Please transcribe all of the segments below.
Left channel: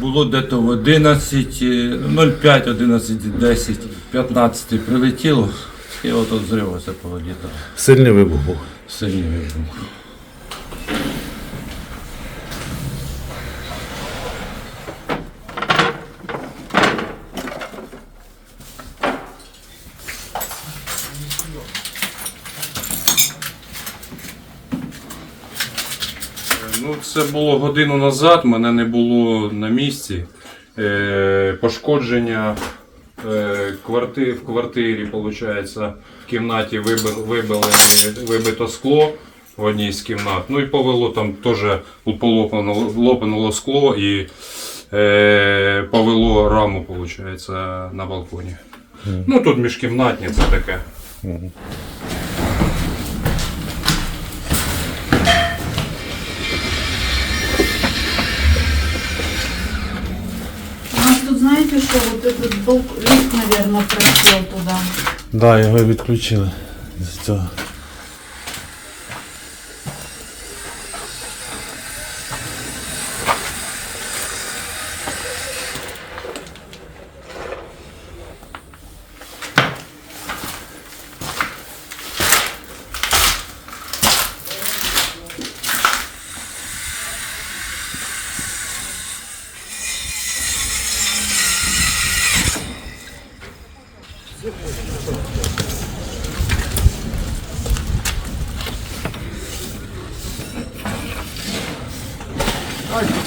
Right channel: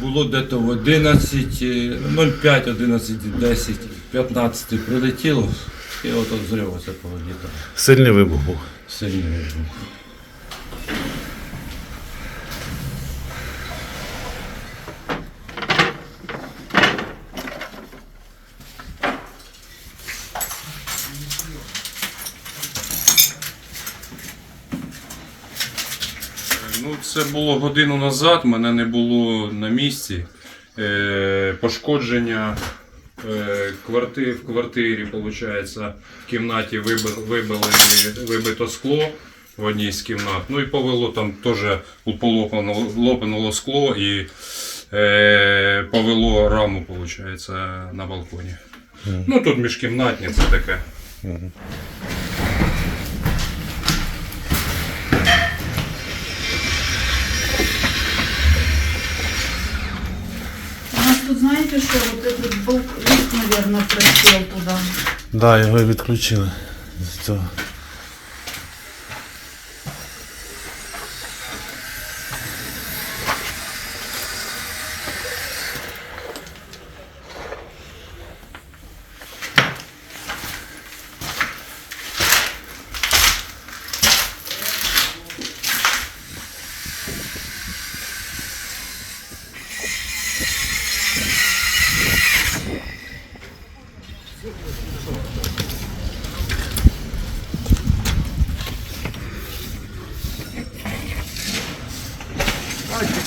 Було дето в 11, е, 05, 11, 10, 15 прилетіло, і от от зрив оце повилітало. Сильний вибух був. Сильний вибух. Ну, це було годину назад, мене не було на місці. Е, пошкодження е, кварти, в квартирі, виходить, в кімнаті вибили, вибили, вибито скло в одній з кімнат. Ну і повело там теж полопнуло скло і е, повело раму, виходить, на балконі. Ну тут міжкімнатні, це таке. У нас тут, знаете, что вот этот был лифт, наверное, просел туда. Да, його відключили з цього.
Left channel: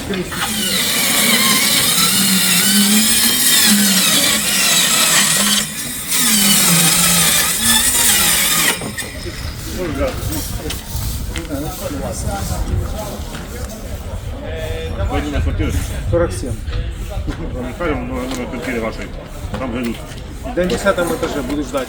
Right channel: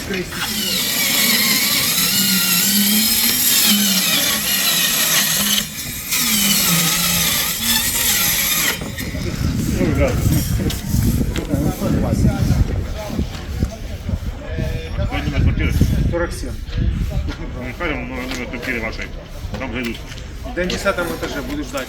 47. Михаил, мы не машину. Там зайдут. Да не с этому этаже будешь ждать.